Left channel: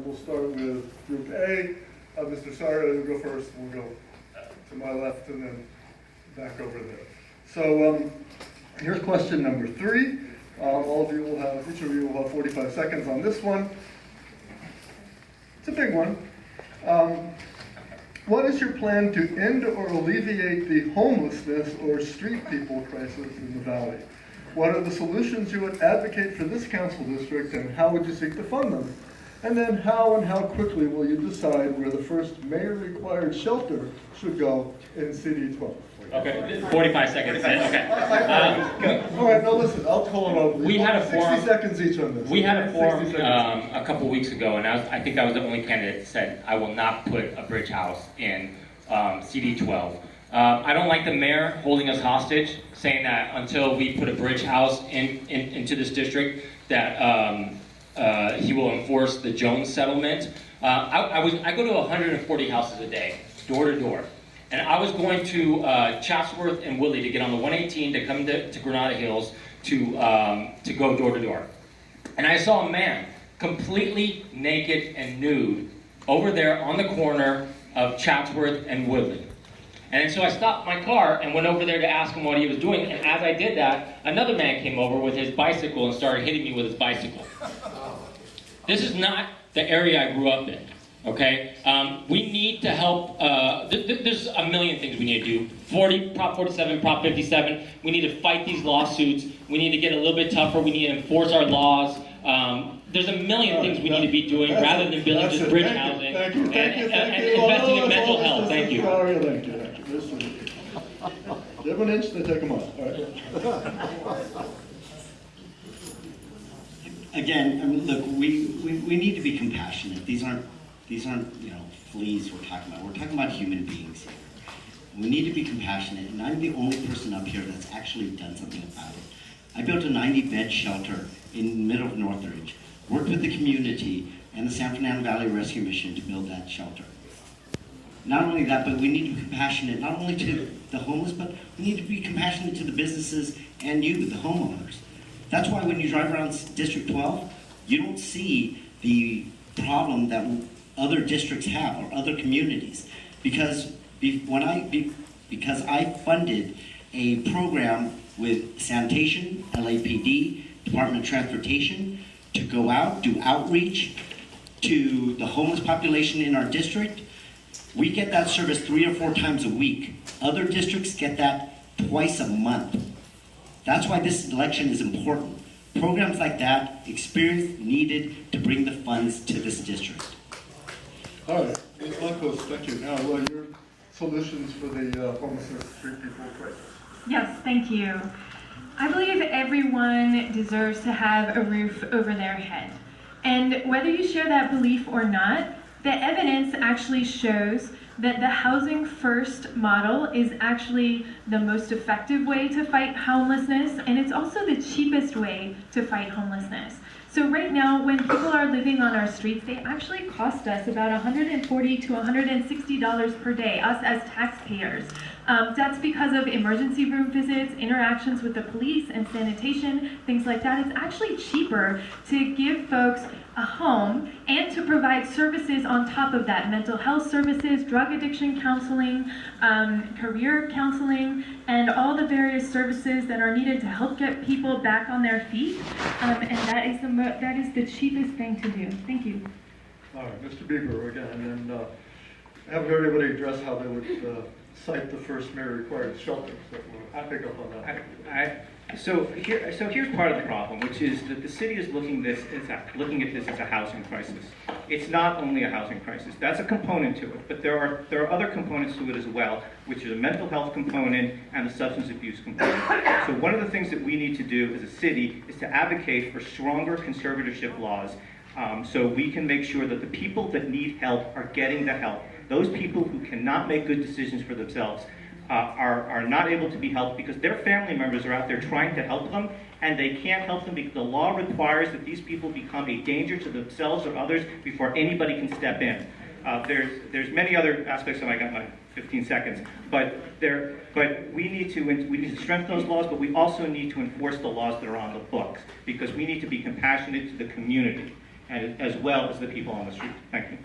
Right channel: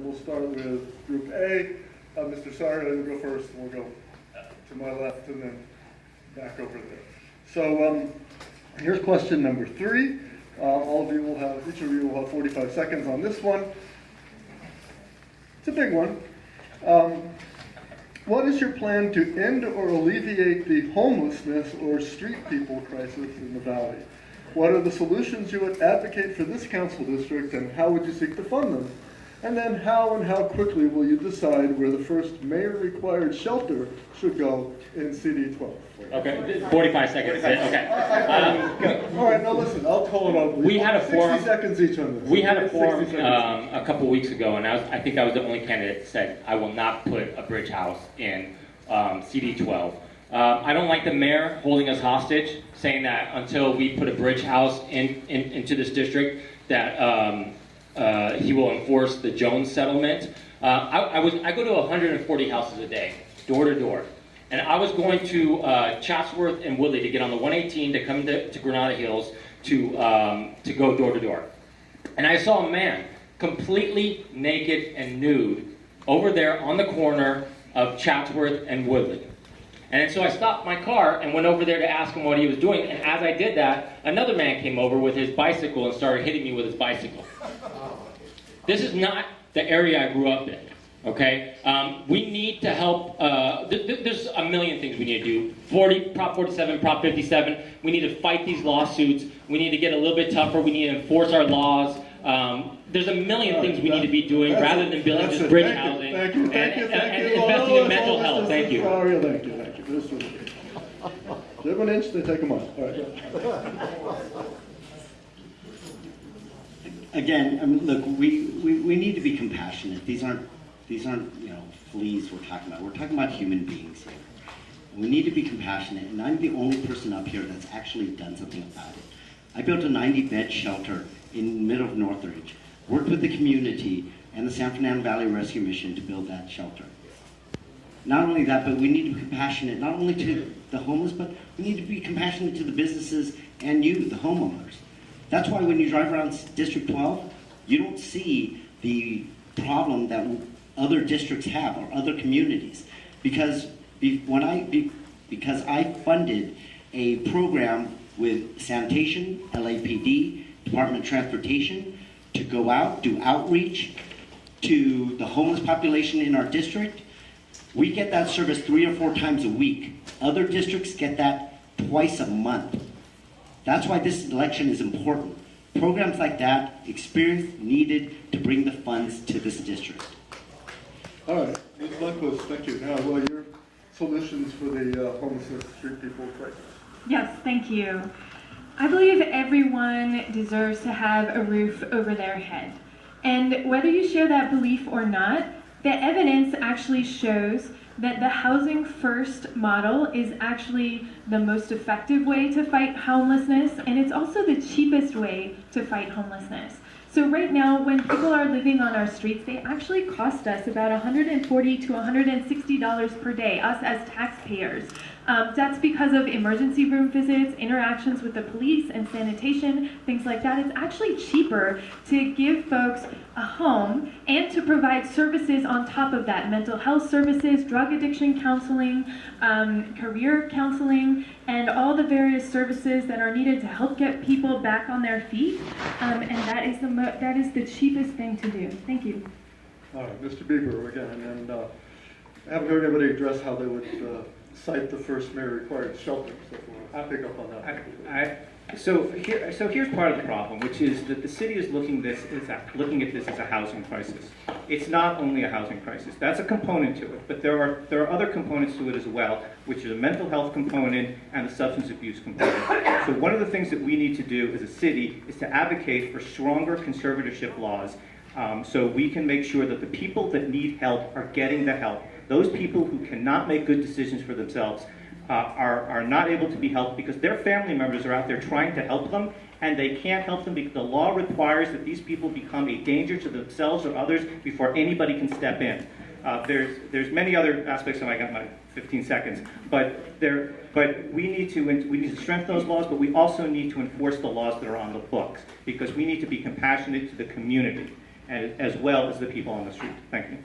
and we'll start with Group A. Mr. Sawyer, you'll go first, and we'll go to my left and then back over there. So here's question number 3. All of you will have, each of you will have 45 seconds on this one. It's a big one. What is your plan to end or alleviate the homelessness or street people crisis in the Valley? What are the solutions you would advocate for this council district, and how would you seek to fund them? And then how and how quickly will you decide where the first mayor-required shelter should go in CD-12? Okay, 45 seconds. Okay. All right, now listen, I'll call it over. We had a forum. 60 seconds each on this. We had a forum a couple weeks ago, and I think I was the only candidate that said, I will not put a bridge house in CD-12. I don't like the mayor holding us hostage, saying that until we put a bridge house into this district, that he will enforce the Jones settlement. I go to 140 houses a day, door to door. And I was going to Chatsworth and Woodley to get on the 118 to come to Granada Hills to go door to door. And I saw a man completely naked and nude over there on the corner of Chatsworth and Woodley. And so I stopped my car and went over there to ask him what he was doing. And as I did that, another man came over with his bicycle and started hitting me with his bicycle. This is not the area I grew up in. Okay, we need to help. There's a million things we need to do. Prop 47, Prop 57. We need to fight these lawsuits. We need to get a little bit tougher. We need to enforce our laws. There's a million things we need to be doing rather than building just bridge housing and investing in mental health. Thank you. Thank you. Give an inch, they take them off. Again, I mean, look, we need to be compassionate. These aren't fleas we're talking about. We're talking about human beings. We need to be compassionate, and I'm the only person up here that's actually done something about it. I built a 90-bed shelter in the middle of Northridge, worked with the community and the San Fernando Valley Rescue Mission to build that shelter. Not only that, but we need to be compassionate not only to the homeless, but we need to be compassionate to the businesses and you, the homeowners. That's why when you drive around District 12, you don't see the problem that other districts have or other communities. Because I funded a program with sanitation, LAPD, Department of Transportation, to go out, do outreach to the homeless population in our district. We get that service 3 or 4 times a week. Other districts get that twice a month. That's why this election is important. Programs like that, experience needed to bring the funds to this district. All right, Ms. Lundquist, thank you. Now, what are your solutions for the homeless street people crisis? Yes, thank you. I believe everyone deserves to have a roof over their head. And whether you share that belief or not, the evidence actually shows that the housing first model is actually the most effective way to fight homelessness, and it's also the cheapest way to fight homelessness. So right now, when people are living on our streets, they actually cost us about $140 to $160 per day, us as taxpayers. That's because of emergency room visits, interactions with the police and sanitation, things like that. It's actually cheaper to give folks a home and to provide services on top of that. Mental health services, drug addiction counseling, career counseling, and all the various services that are needed to help get people back on their feet. And that is the cheapest thing to do. Thank you. All right, Mr. Bieber again, and I haven't heard anybody address how they would cite the first mayor-required shelter, so I'll pick up on that. So here's part of the problem, which is that the city is looking at this as a housing crisis. It's not only a housing crisis. That's a component to it, but there are other components to it as well, which are the mental health component and the substance abuse component. So one of the things that we need to do as a city is to advocate for stronger conservatorship laws, so we can make sure that the people that need help are getting the help. Those people who cannot make good decisions for themselves are not able to be helped because their family members are out there trying to help them, and they can't help them because the law requires that these people become a danger to themselves or others before anybody can step in. There's many other aspects, so I got my 15 seconds, but we need to strengthen those laws, but we also need to enforce the laws that are on the books because we need to be compassionate to the community. as well as the people on the street. Thank you.